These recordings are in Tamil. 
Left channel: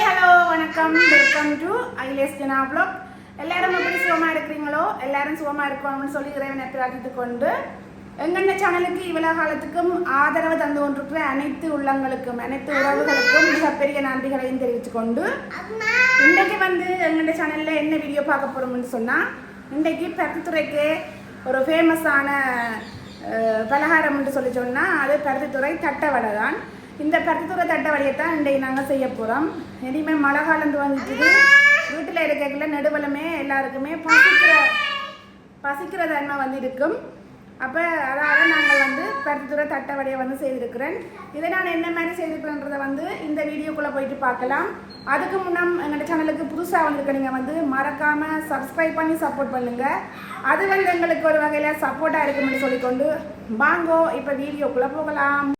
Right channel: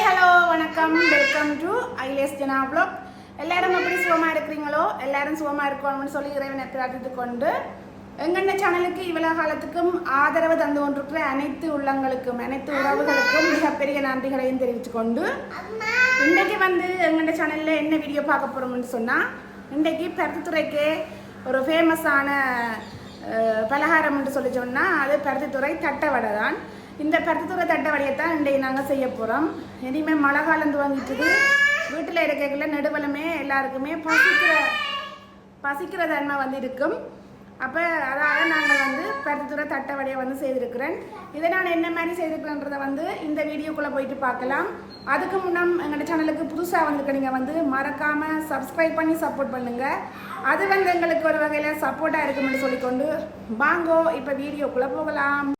ஹாய் ஹலோ வணக்கம். வெல்கம் டு ஐலேஸ் ஜனா ப்ளாக் எல்லாரும் எப்படி சுகமாக இருக்கிறீங்களோ? எல்லாரும் சுகமாக இருக்கணும்னு சொல்லி இறைவனை பிரார்த்தித்து கொண்டு எங்கென்ன சேனலுக்கு இவ்வளவு காலத்துக்கும் ஆதரவு தந்து கொண்டிருக்கிற அனைத்து உள்ளங்களுக்கும் அனைத்து உறவுகளுக்கும் மிகப்பெரிய நன்றிகளையும் தெரிவித்து கொண்டு இன்றைக்கு வந்து எங்கென்ன சேனலில் என்ன வீடியோ பார்க்க போகிறோம்னு சொன்னால் இன்றைக்கு பருத்தித்துறைக்கு ஒரு ஃபேமஸான பலகாரம் என்று சொல்லி சொன்னால் அது பருத்தித்துறை தட்டவடை தான் இந்த பருத்தித்துறை வழியை தான் இன்றைக்கு நாங்கள் செய்ய போகிறோம் இனிமேல் மழை காலம் வந்துக்குது வீட்டில் இருக்கிற நெடுவலமே எல்லாருக்குமே பசிக்கிற பசிக்கிற தன்மை வந்து இருக்கும். அப்போ அதால் நாங்கள் வந்து கருத்துத்துறை தட்டை வழியை வந்து செய்திருக்கிறேன். இதை நான் என்ன மாதிரி செய்திருக்கிறேன்றதை வந்து இந்த வீடியோக்குள்ளே போயிட்டு பார்க்கலாம். அதுக்கு முன்னம் எங்களோட சேனலுக்கு புதுசாக வந்திருக்க நீங்கள் வந்து மறக்காமல் சப்ஸ்கிரைப் பண்ணி சப்போர்ட் பண்ணுங்கள் அது வந்து எங்களுக்கு ஒரு வகையில் சப்போர்ட்டாக இருக்கும்னு சொல்லிக்கொண்டு வாங்கோ இப்போ வீடியோக்குள்ளே போகலாம்.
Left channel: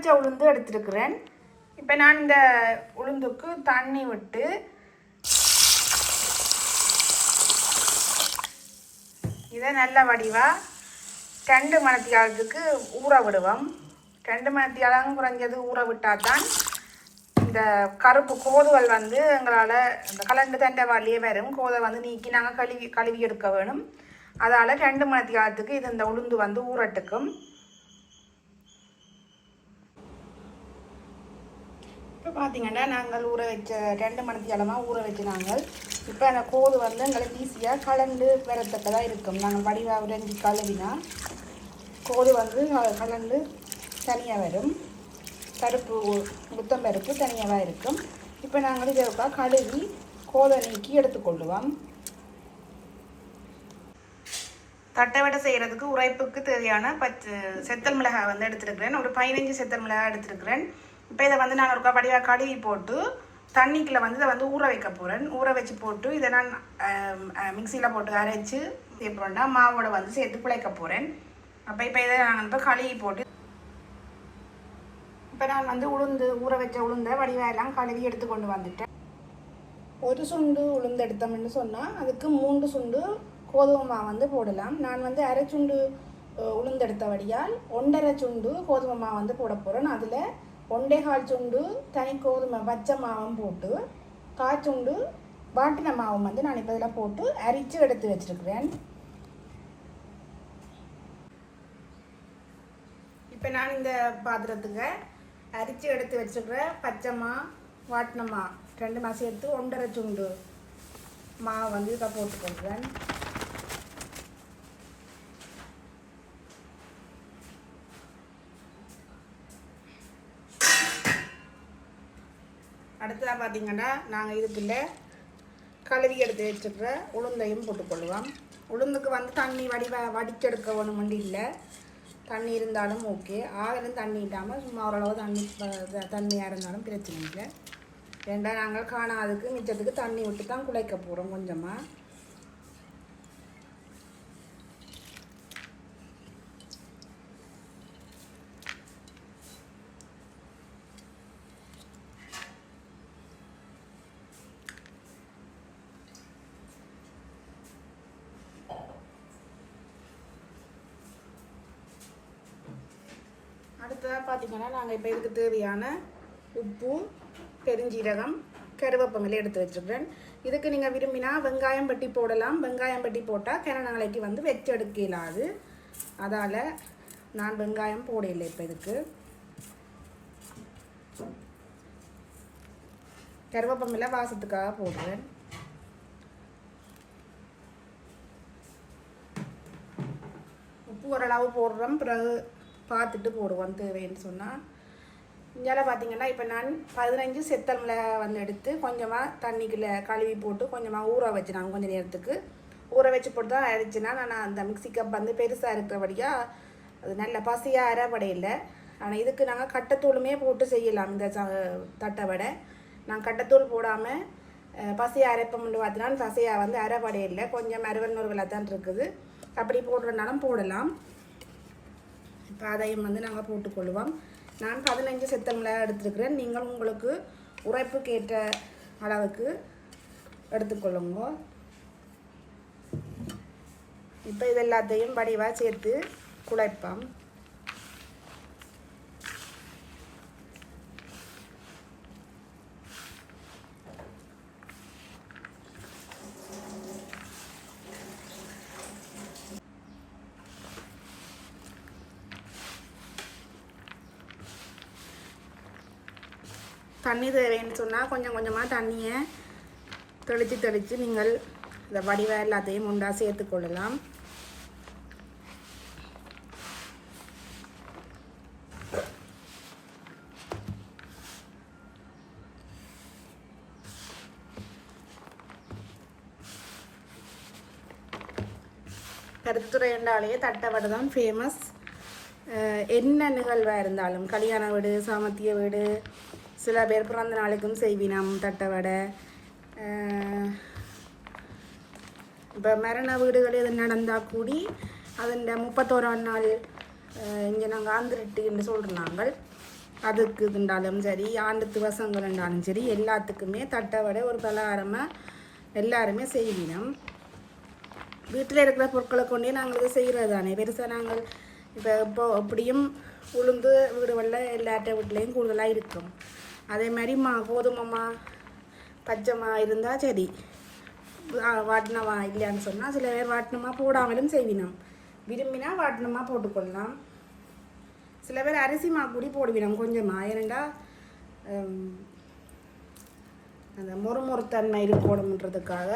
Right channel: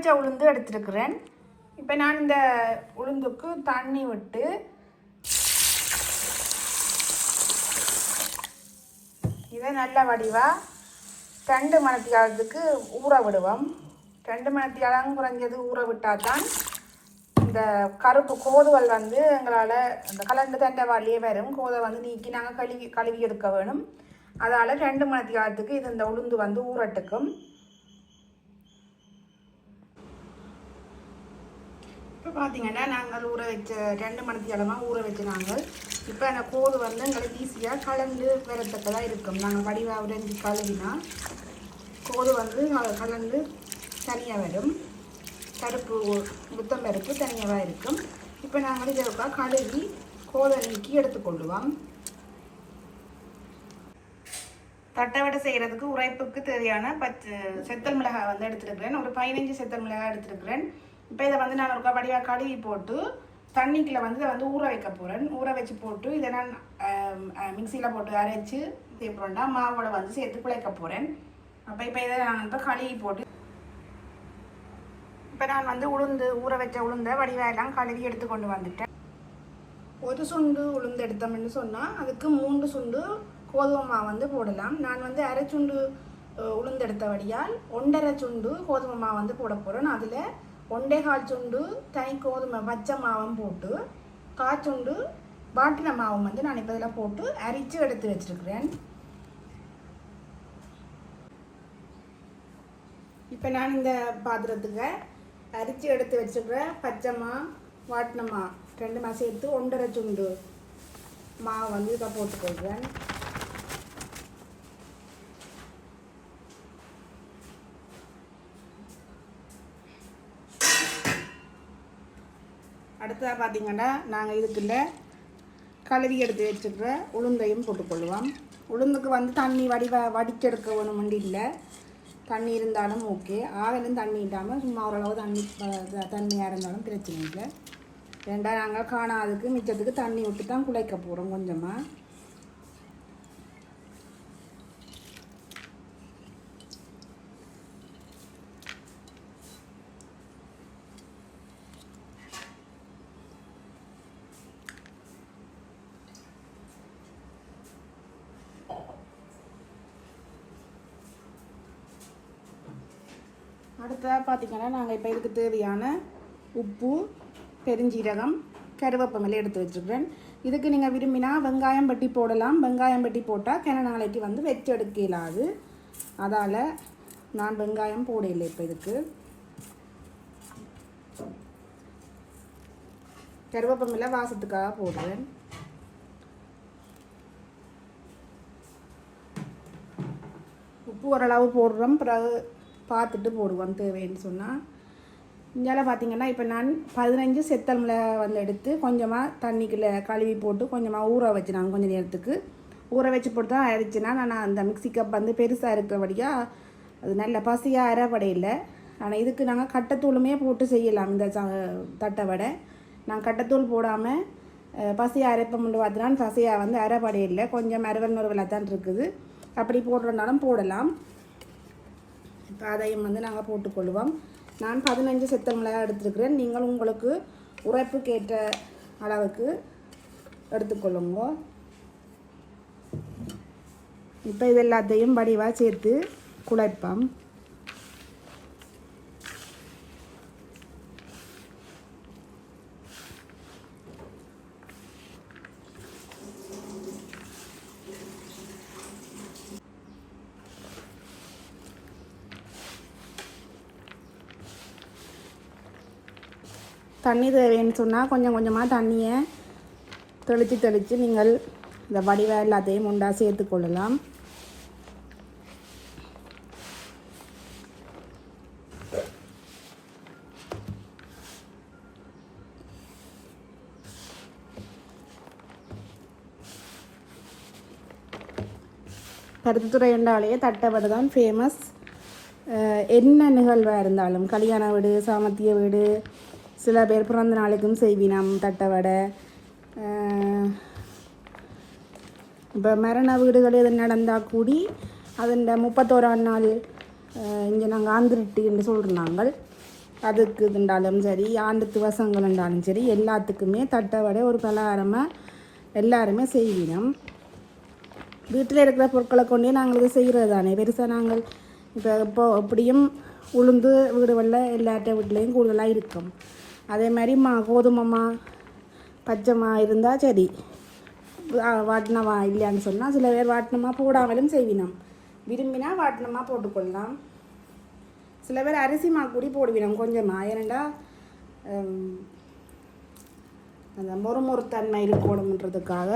உடைச்ச உளுந்து எடுத்துருக்குறேன். இப்போ நான் இந்த உளுந்துக்கு தண்ணி விட்டு இதை நல்ல வடிவாக ரெண்டு மணத்தியாலத்துக்கு ஊற விடுவோம். ரெண்டு மணத்தியாலம் குறைஞ்சது ஊற விட்டால் தான் இந்த கருப்பு கோதுவல் வந்து எங்களால் இந்த கலண்டு தண்டவாளியே வரும். கோதை வந்து நீக்கி நாங்கள் கழுவி கழுவி எடுக்க வேணும். அதால் ரெண்டு மணத்தியாலத்துக்கு இது இந்த உளுந்து வந்து ஊறட்டுக்கும். இப்போ பார்த்தீங்கன்னா நாங்கள் ஊற வச்ச ரெண்டு மணத்தியாலமாக ஊற வச்சு நாங்கள். இப்போ அந்த கோது வந்து எங்களுக்கு ஈஸியாக கலந்து வரத்தக்கதாக இருக்கும். நாங்கள் வடிவாக உடைஞ்சி கழுவினா கோது வந்து கலந்து தனியாக வரும். கருப்பு முத்தம் பருப்பு தனியாக இருக்கும். இப்போ நாங்கள் இதற்கா கழுவி கோதை நீக்கி எடுத்துக்கொள்ளுவோம் தட்டை வடை செய்கிறதுக்கு உரைப்புக்கு தேவையான பச்சை செத்தல் மிளகாய் வந்து எடுத்துருக்கிறேன். ஒரு பதினஞ்சு செத்தல் மிளகாய் எடுத்துருக்கிறேன். இப்போ இதை வந்து நான் ஒருக்கா வடிவாக கழுவி போட்டு தண்ணிக்குள்ளே வந்து இதை வந்து ஊற வைக்க போகிறேன் ஊற வச்சு போட்டு இதை நான் மிக்சியில் போட்டு அரைச்சி எப்படின்னா மாவோட வந்து சேர்த்து குழைக்க போகிறேன் அப்போ இப்போ இதை நான் இப்போ கழுவி போட்டு இப்போ நான் வந்து உளுந்து ஊற வச்ச உளுந்தை வடிவாயெல்லாம் கழுவி எடுத்து கொண்டு வந்துட்டேன். ஒரு சுண்டு உளுந்து எடுத்தோம்னு சொன்னால் அதுக்கு மூன்று சுண்டு கோதுமை மாவு வந்து போடலாம். நான் வந்து அரை சுண்டு உளுந்தெடுத்த வடியால் ஒன்றரை சுண்டு கோதுமை மாவு வந்து போட போகிறேன் அதில் ஒண்டே கால் சுண்டு தனி கோதுமை பச்சை மாவும் போட்டு கால் சுண்டு வாட்டின மாவும் வந்து நான் இப்போ இதில் போட்டு அரித்து எடுத்து வச்சுருக்கிறேன். இப்போ நான் இந்த பாத்திரத்துக்கு அரிச்சு எடுத்து வச்சுக்கிற பச்சைமா வாட்டினமா ரெண்டுமா சேர்த்து ஒன்றரை சுண்டு மாவு வந்து இதை போட்டுக்கொள்கிறேன். அடுத்ததாக பார்த்தீங்கன்னா நாங்கள் இதுக்குள்ள கழுவி எடுத்து வச்சுக்கிற உளுந்தையும் போட்டுக்கொள்வோம் உளுந்துக்கு வந்து தண்ணி வடிவ வடிச்செடுக்க ஒன்றும் இல்லை. தண்ணி இருந்தாலும் ஓகே. ஆவிலும் தண்ணி இல்லாமல் சும்மா ஓரளவு தண்ணி தண்ணியாக இருந்தாலும் பிரச்சனை இல்லை. ரெண்டாம் நாங்கள் காணாதுக்கு மிச்சத்துக்கு தண்ணி விட்டு தான் குழைக்க போகிறோம் கொஞ்சமாக அடுத்ததாக பார்த்திங்கன்னா நாங்கள் இப்போ இதுக்கு தேவையான உப்பு பெருஞ்சீரகம் கருவேப்பமிலை எடுத்து வச்சுருக்கிறேன். இதுக்கு நீங்கள் விரும்பினா வெங்காயம் பட்டி போடலாம். வெங்காயம் பட்டி போட்டால் கிண நாளைக்கு வந்து வெச்செடுக்கலாது. எடுக்க அதால் நான் வெங்காயம் போடலை இப்போ இதுக்கு. கருவேப்பமில்லை வாசத்துக்காக போடுவேன் உப்பு ஓரளவு போடுறோம். பிறகு பார்த்துட்டு போடுவோம் தேவைன்னு சொன்னால் இங்கெல்லாம் பார்த்தீங்கன்னா இப்போ நான் பதினஞ்சு செத்தமில் வந்து எடுத்து கொஞ்சமாக தண்ணிக்குள்ளே கழுவி போட்டு கொஞ்சமாக ஊற வச்சு நான் கொஞ்சம் நேரத்துக்கு. ஊற வச்சு போட்டு தான் அரைச்சினா நான் அந்த மிக்ஸி கப் வந்து பெருசாக இருக்கிறபடியாக அது நல்ல பசியாக அரைப்படையில். ஆனால் இதுக்கு நாங்கள் கட்டத்தூளுமே போட்டு செய்யலாம் இந்த தட்டை வடை. நான் கட்டத்தூள் போடாமல் பசியாக அரைப்ப அரைப்பம் பசியாக வந்து அரைப்படையில் இல்லை கொஞ்சம் அறுவல் நூறுகளாக தான் இருக்குது. அப்படி போடுறதுனாலும் போடலாம். இப்போ அதையும் வந்து நாங்கள் போட்டுக்கொள்வோம் நான் பதினஞ்சு செத்த மிளகாய் எடுத்துருக்கிறேன். நீங்கள் உங்களுக்கு உரைப்புக்கேற்ற அளவுக்கு எடுத்துக்கொள்ளுங்க. இப்போ இது எல்லாத்தையும் வடிவாக சேர்த்து குழைப்போம். தண்ணி தேவைன்னு சொன்னால் கொஞ்சம் கொஞ்சமாக தண்ணியை தெளித்து தெளித்து நீங்கள் இந்த வடிவ எல்லாத்தையும் உண்டாக சேர்த்து கொள்ளலாம். கருத்துத்துறை என்றாலேயே தட்டவடை தான் ஃபேமஸ் என்ன நிகழ்வாக இருந்தாலும் கல்யாண வீடு சாமத்திய வீடு சில பேர் பிறந்த நாளைக்கும் செய்வினம் தட்டவடை. இப்போ மரண வீடுகள் எது நடந்தால் கூடி அதன் முப்பத்தோராம் நாள் இங்கே நாங்கள் ஆந்திரிட்டு என்று சொல்கிறாங்க அதுக்கு இருந்தாலும் சரி ஆண்டு திவசங்கள் இருந்தாலும் சரி எல்லாத்துக்குமே தட்டை வடை ஒரு பலகாரமாக எல்லாருமே செய்வினம். வீட்டில் இருக்கிற பொருட்களை கொண்டே நாங்கள் இது செய்கிறது தானே பெருசாக நாங்கள் இப்போ இப்போ அப்படியும் உளுந்து வீடுகளில் எல்லாட்ட வீட்லேயும் கூடுதலாக இருக்கும். அதே மாதிரி மா கோதுமைமா பச்சைமா இருந்தால் சரி. வாட்டினமா இல்லையான்னு சொன்னால் சில பேர் வாட்டினமா போடாமலும் செய்வினோம். விரும்பினா வாட்டினமா போட்டுக்கொள்ளலாம். சில பேர் அரிசி மா கூடி போடுவினோம் கொஞ்சமாக ஏனண்டா அந்த மொறுமொறுத்தன்மை இருக்கணுன்றதுக்காக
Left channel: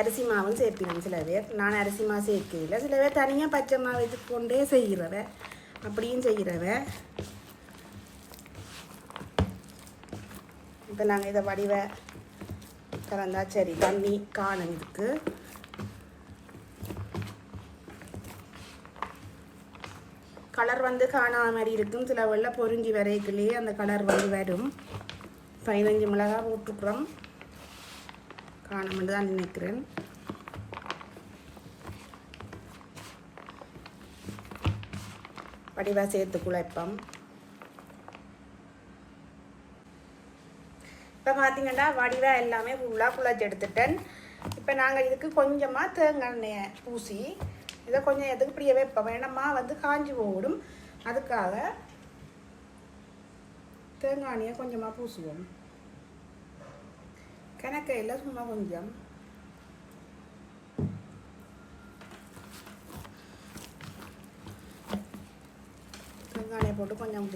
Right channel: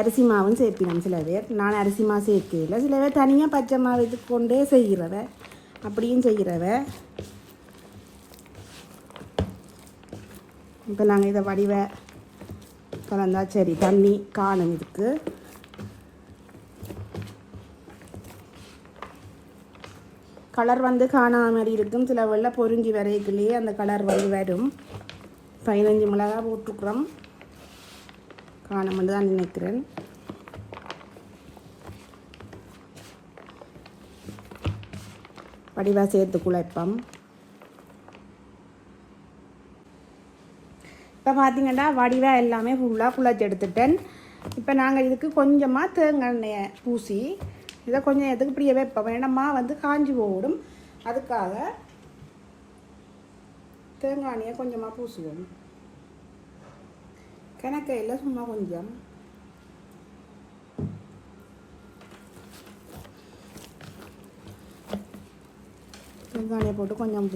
அரிசி மாவும் சேர்ப்பினோம் சில பேர். நான் அரிசி மாவு சேர்க்கல சில பேர் தனியாக பச்சை மாவு இது கொண்டே செய்கிறவ அப்படியும் செய்கிறவ. இப்போ நாங்கள் இதை வடிவ கலந்தா சரி தண்ணி காணும் இதுக்கு. கலர் வந்து காணாத மாதிரி இருக்கும். சில வெள்ளை பொருங்கி வரைக்குள்ளேயே அந்த கலர் வந்து வரும். பதினஞ்சு மிளகா போட்டுக்கிறோம். காணுமென்று தான் நினைக்கிறேன். வடிவா சேர்த்து குழைப்போம் இப்போ பார்த்தீங்கன்னா வடிவா எல்லாமே ஃபுல்லாக குழச்சி எடுத்துட்டேன். இப்போ நாங்கள் இதுக்கு கொஞ்சமாக தேங்காய் எண்ணெயை பூசி இதை கொஞ்சம் எதுக்கு இப்படியே வைப்போம்? வேணமா வந்து காஞ்சி போடும். அதுக்காக தேங்காய் எண்ணெயை கொஞ்சமாக பூசுவோம். கணக்கையில் சும்மா கொஞ்சம். வெங்காயம் போட்டு கொஞ்சம்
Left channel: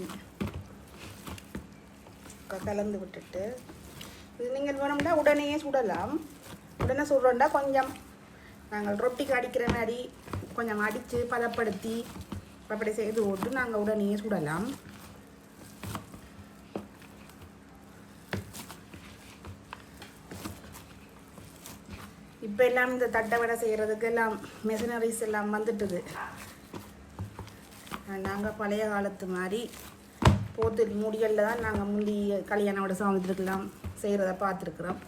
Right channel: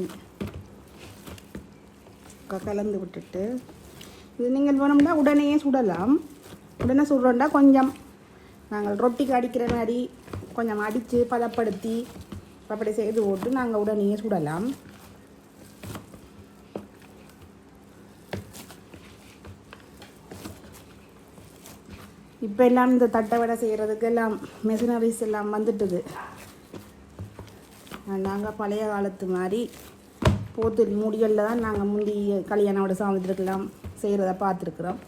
கலந்து விட்டுட்டு இது நீங்கள் வேணும்னா உடனே சுடலாம். உடனே சுடுறோம்னா கொஞ்சம் நாங்கள் ரொட்டிக்கு அடிக்கிற மாதிரி கொஞ்சம் அடித்து பதப்படுத்தி அப்படி செய்து போட்டு நாங்கள் உடனே சுடலாம். இப்போ எல்லாம் இந்த தட்டை வடை செய்கிறதுக்கு எல்லாம் மெஷினரிஸ் எல்லாம் வந்துட்டுது. நாங்கள் பழைய காலத்து மாதிரி போத்து முடிகளில் தான் நாங்கள் முந்தி கல்யாணோட சாமத்திற்கெல்லாம் செய்கிறத பார்த்துருக்குறோம்.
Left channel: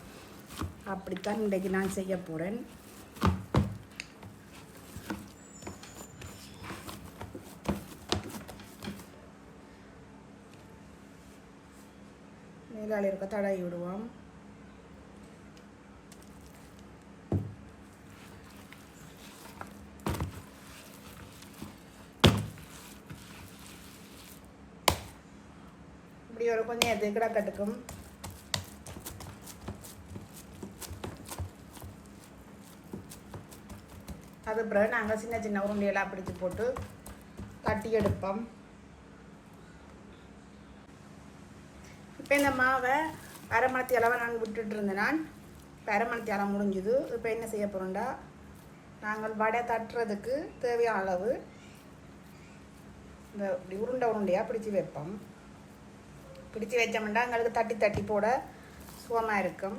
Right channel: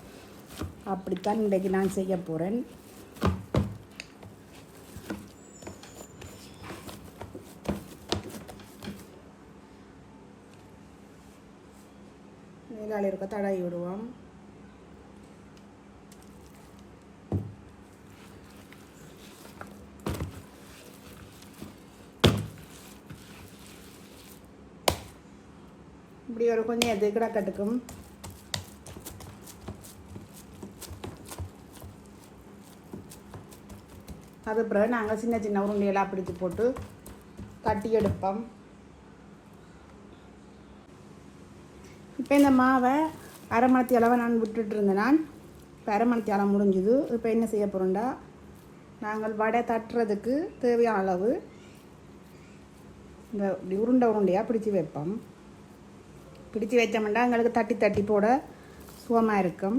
அப்படித்தான் இன்றைக்கு நான் செய்ய போகிறேன் மேலாளி இருக்க தடவி விடுவோம். இப்படி ஒரு கொஞ்சம் எது கிடக்கட்டுக்கும் அது பிறகு நாங்கள் சின்ன சின்ன உருண்டையெல்லாம் பிடிச்சி போட்டு தட்டி எடுப்போம். இப்போ இந்த மாவை அரை மணத்தி அளவை நான் விட்டுட்டு இருந்தேன். நான் இப்போ அரை மணத்தி அளவு முடிஞ்சுது. இப்போ என்ன செய்ய போகிறோம்டா நாங்கள் வடை தட்டுறதுக்கு தேவையான அளவு இந்த இப்படி உருண்டை உருண்டையாக பிடிச்சி வைப்போம். பிடிச்சி வச்சோம்னா எங்களுக்கு தட்டி தட்டி போட சுகமாக இருக்கும்.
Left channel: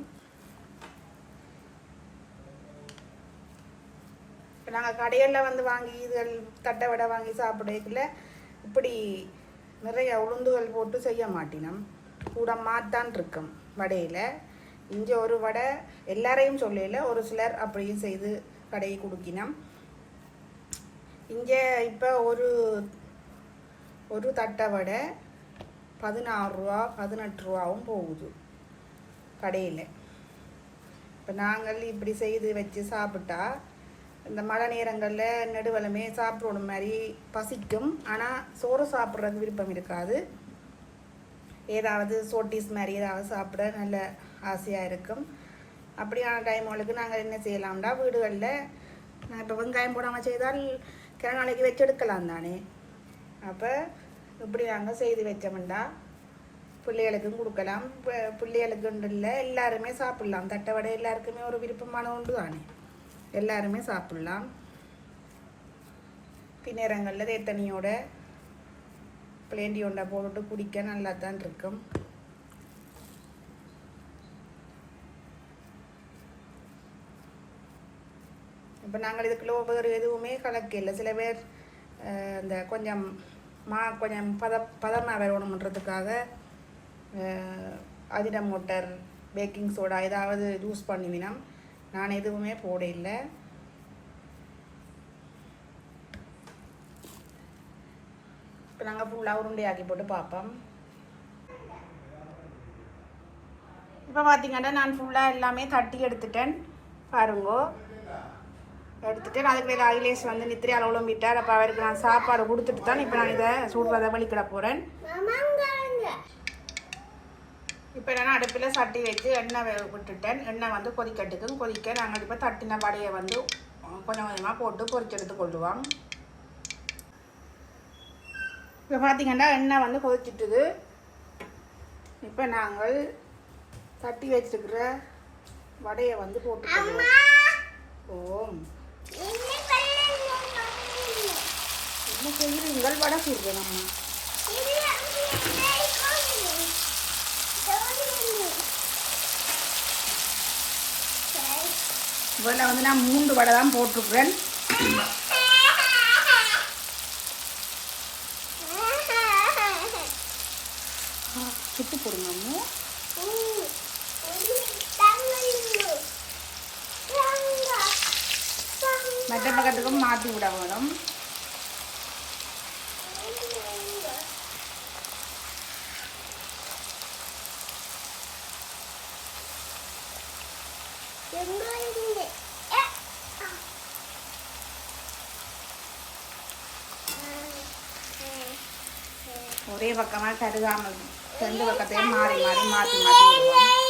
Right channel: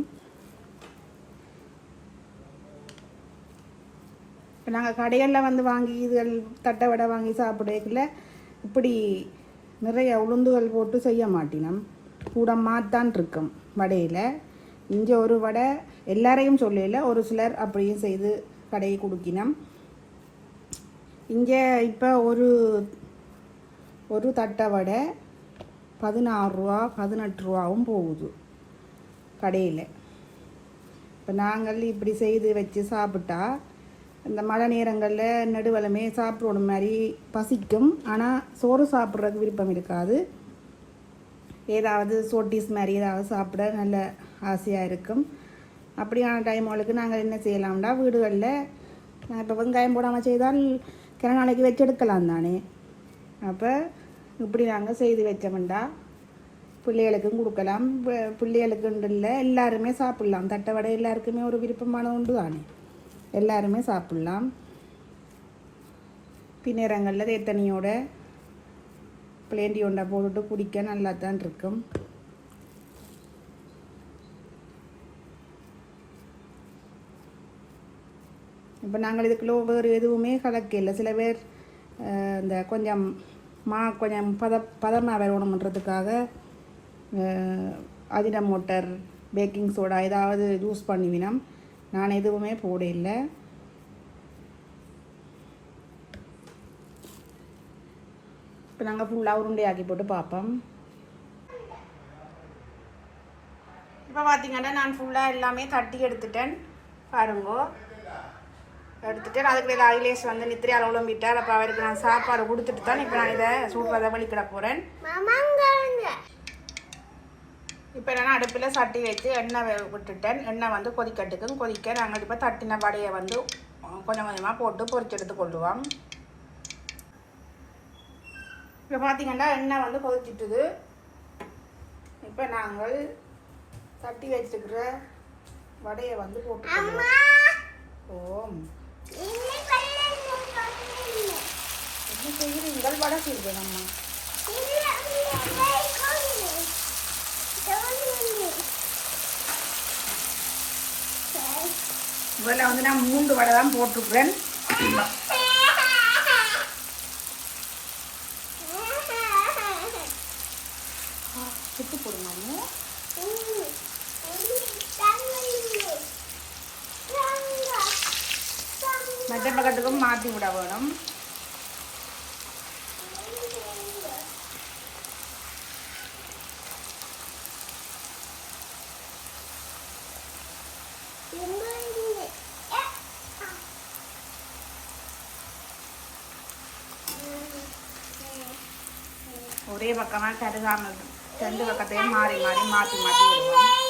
இப்போ நாங்கள் கடைகளில் வந்து வாங்கி இதுகள் தட்டை வடை வாங்கி சாப்பிடக்குள்ள இப்படி நிறைய உளுந்துகள் போட்டு செய்ய மாட்டினோம். கூட மாத்தான் இருக்கும் வடையில். இங்கே ஒரு வடை எல்லாரையும் சொல்லல ஒரு சிலர் அப்படியும் செய்து கடையை கொடுக்கினோம். இங்கே இப்போ ஒரு ஒரு தட்டை வடை பதினாறு ரூபா பதினெட்டு ரூபாவும் போகுது கடையில். இப்போ நாங்கள் இப்படி செய்து வச்சு சாப்பிட்டா இந்த மழை நேரங்களில் நெடுவலமே சாப்பிடணும் மாதிரி பசிக்கும். ஆனால் சோறு சாப்பிட்றது விருப்பம் இருக்காது. ஏதாவது சோட்டிஸ் மாதிரி ஏதாவது சாப்பிட நல்ல ஆசையாக இருக்கும். அப்படியான டைம்களுக்கு நாங்கள் என்ன செய்யலாம்னா வீடுகளில் இப்போ வெங்காயம் போடாமல் செய்தால் கிண நாளைக்கு வச்செடுக்கலாம் தானே. அப்போ இப்படி நாங்கள் செய்து வச்சோம்டா பிள்ளைகளுக்கும் கொடுக்கலாம். பி- பிள்ளைகளுக்கு இல்லை எல்லாருமே சாப்பிட்லாம். தட்டை வடை எல்லாருக்குமே ஒரு விருப்பமான உண்டு தானே எல்லாருமே சாப்பிட்லாம். பின்னரங்களில் தேத்தனியோட பிளேண்டி உண்டை போட்டு குடிக்க நல்லா தான் இருக்கும். இப்போ நாங்கள் இதுக்குள்ளே வேறு எதுவுமே கலக்கல சில பேர் இந்த கொஞ்சம் மா கொஞ்சம் பத பதமாக வரணுன்றதுக்காக அதின மோட்டர் பேக்கிங் சோடா ஏதாவது யூஸ் பண்ணுவினோம். நான் எதுவுமே போட இல்லை இப்போ நாங்கள் ஃபுல்லாக உருண்டையாக்கி போட்டு பார்ப்போம். இப்போ பார்த்தீங்கன்னா நான் ஃபுல்லாக எல்லாமே தட்டி எடுத்துட்டேன். பாருங்கோ. எடுத்துட்டேன் அதுக்கு வேறு ஐலேஸ் வந்து நித்திரி அளவுல விட்டார் அப்போ அவருக்கு நான் சாப்பாடு கொடுத்துட்டு தான் இப்போ நான் இதை சூடுறதை வலிக்கிட போகிறேன் இப்போ நான் அடுப்பில் சட்டி வச்சு எண்ணெய் விட்டுட்டேன். எண்ணெய் வந்து கொதிக்கட்டுக்கும் கொதிக்க நாங்கள் இப்போ தட்டின வடையை வந்து கொஞ்சம் கொஞ்சமாக போட்டு பொரிச்செடுத்து கொள்ளுவோம் இப்போ பார்த்தீங்கன்னா எண்ணெய் வந்து கொதிச்சிட்டுது. இப்போ நாங்கள் தட்டி வச்சிருக்கிற வடையை வந்து போட்டு ஓம் என்ன செய்கிறீங்கள் வடை செய்கிறேன் இதில் வந்து நான் மூன்று வடை தான் போட்டிருக்கிறேன். சுட்டு போடுங்க மற்ற பக்கத்துக்கும் மாற்றி விட வேணும். ஒரே பக்கமாக கருகாமல் ரெண்டு பக்கத்தையும் மாறி மாறி மாற்றி மாற்றி விடுவோம்.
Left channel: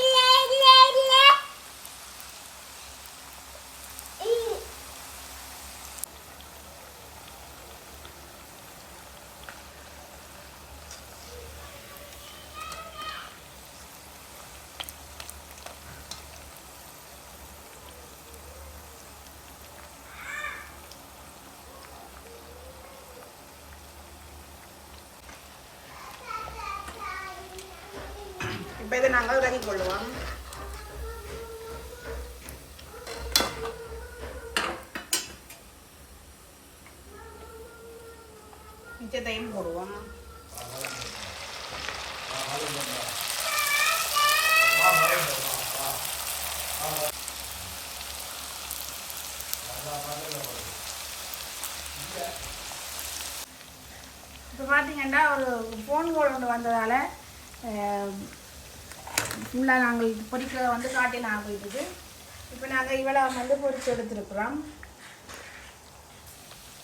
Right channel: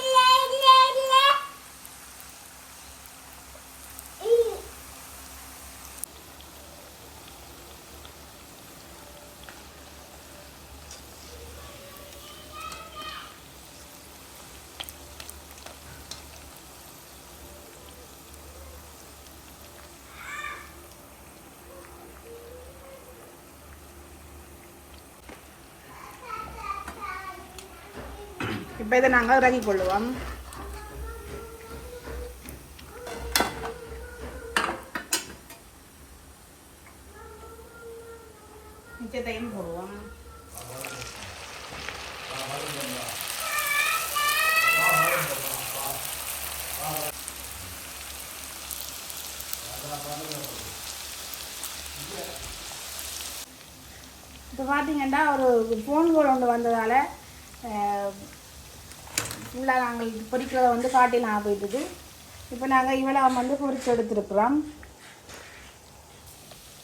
இப்போ இதை நாங்கள் இறங்கி கொள்வோம் மிச்சத்தையும் போடுவோம். இப்போ பார்த்தீங்கன்னா ஒரு ஃபோன் கோல் ஒன்று வந்ததால் ஃபுல்லாக நாங்கள் இது பொரிக்கிறத வந்து காட்டிலாம் போயிட்டுது இப்போ நாங்கள் இவ்வளோ வந்து பொறிச்சு எடுத்துருக்குறோம்.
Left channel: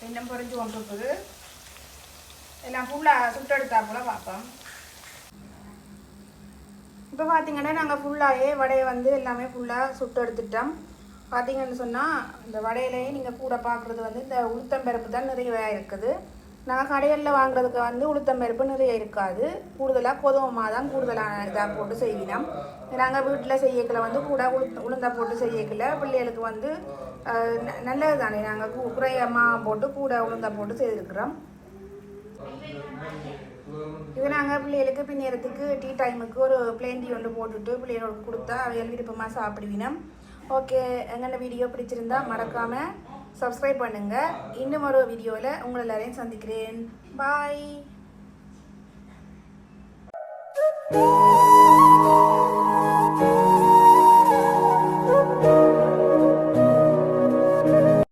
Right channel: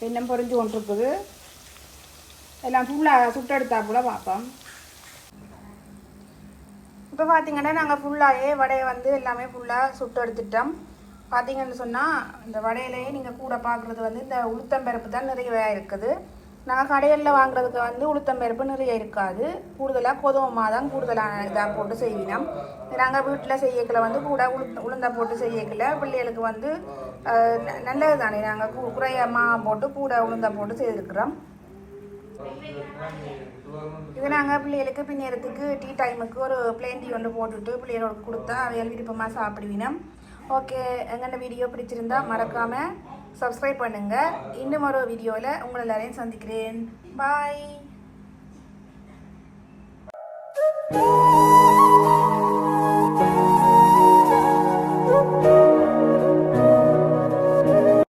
இன்னும் பொரிஞ்சு கொண்டிருக்குது. எல்லாம் ஃபுல்லாக சுட்டெடுத்தாப்புல பார்ப்போம் இப்போ பார்த்தீங்கன்னா நாங்கள் ஃபுல்லாகவே வடையை வந்து எல்லாமே ஃபுல்லாக சுட்டு எடுத்துட்டோம் பார்த்தீங்கன்னு சொன்னால் இந்த வடையிலேயே நீங்கள் கூட பார்க்குறது வந்து இந்த உளுத்தம்பருப்பு தான் நிறைய இருக்குது. நாங்கள் கடைகளில் வாங்குறதுக்கு வந்து உளுத்தம்பருப்பு நிறைய இருக்காது. கூடுதலாக கோதுமை தான் கூடுதலான இதாக போட்டு செய்வினோம். நாங்கள் வீட்டில் செய்யக்கில் வந்து கூட உளுத்த உளுந்தா போட்டு செய்யக்கில் பிள்ளைகளுக்கு வந்து ந- நல்லது தானே நாங்கள் கு குறையமாக போட்டு கூட உளுந்தா போட்டு செய்திருக்கிறோம். இது நாங்கள் பிள்ளைகளுக்கு பின்னேறத்துக்கு டீ டைமுக்கு ஒரு பிளேன் டீ ஒன்று போட்டுட்டு பிள்ளைகளுக்கு கொடுத்தா அவையால் விருப்பமாக சாப்பிடுவினோம். ஓகே எங்கென்ன வீடியோ பிடிச்சிருந்தா மறக்காமல் சப்ஸ்கிரைப் பண்ணுங்கள் இன்னும் ஒரு வீடியோவில் உங்களை எல்லாரையும் சந்திக்கிறேன். பாய்